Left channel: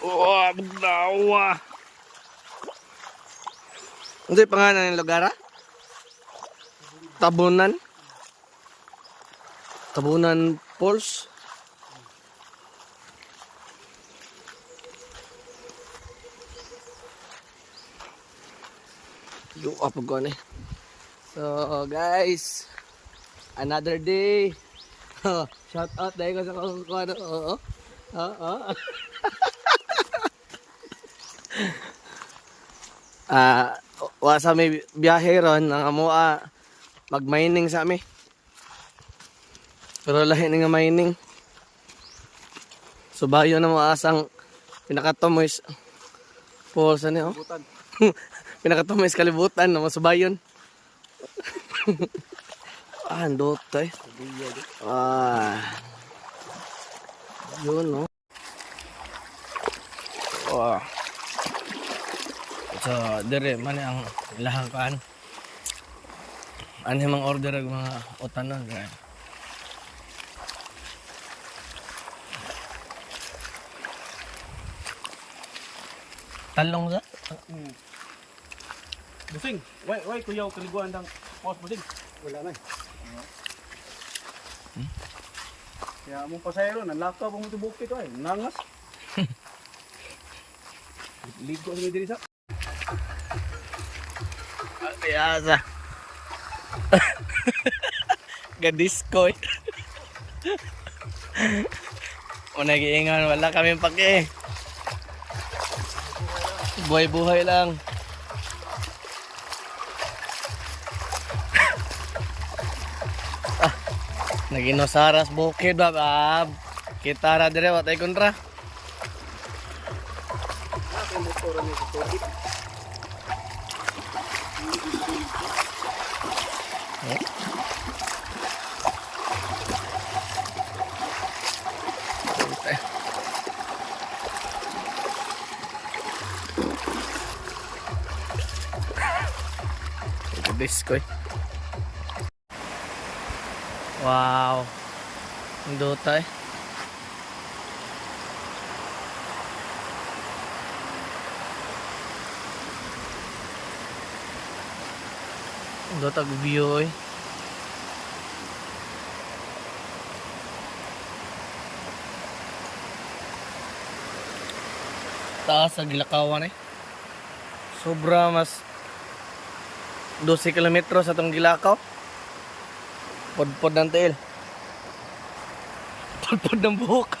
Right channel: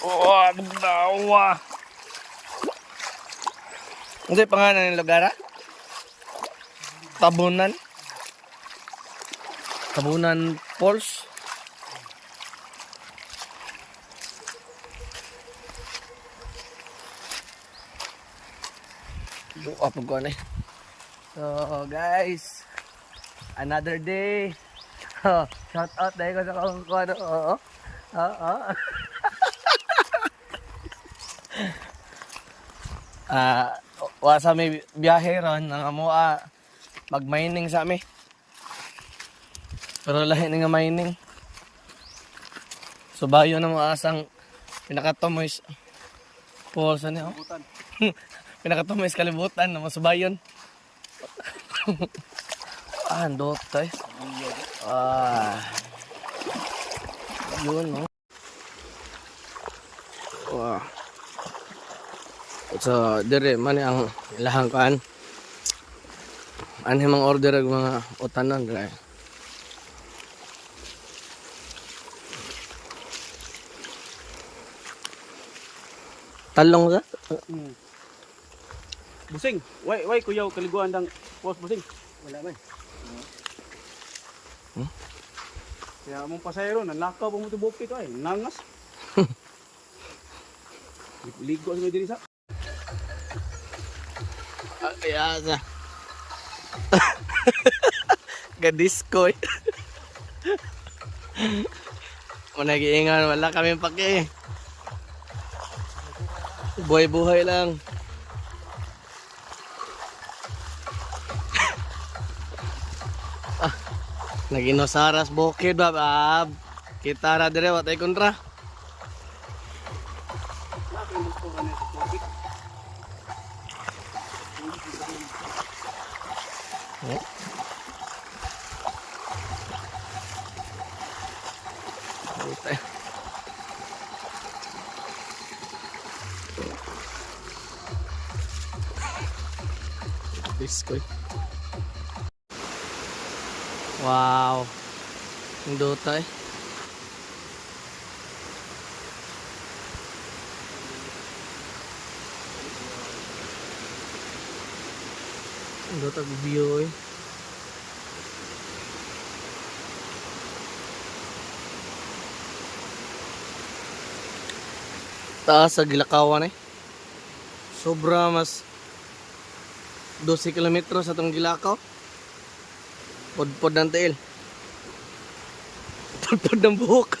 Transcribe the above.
Oh, dawa. Ano yung pangalan ng lugar? Tabunan. Tabunan Falls. Yung apog ko na eh. So guys, another day. Shout out dahil ko sa kung ano. Oo. Oo. Sa may biyahe ron nga mo mag-mining sa amin. Pero lahi nga mining. So bayo na mo asang pinakatomoys falls ano oh. Pinakatomoys kalibutan na masubayon. Andot tay. Yun no. So dire man ang lahang kan. Anhe mang order ag mga utanon dai. Talong sa? Busing, why kuyaw kaliguan dang post busing. Wala na. Kaya mong pasayro nanlakaw mo tubok ito ay nangas. Ligo sa diri sa. Ayasa. Gadiskoy. O nag-iingan, wala kami pake. Buhay-buhay lang. Naginosaras bukid ba? Kita ra dire watay kontra. Biskoy. Wow. Ang dota eh. Ang dota view eh. Taas sa Gilakawan eh. Sobra mas 12 kilometro sa itong Gilakaw. Podpod ng tail. Podpod ng buhok.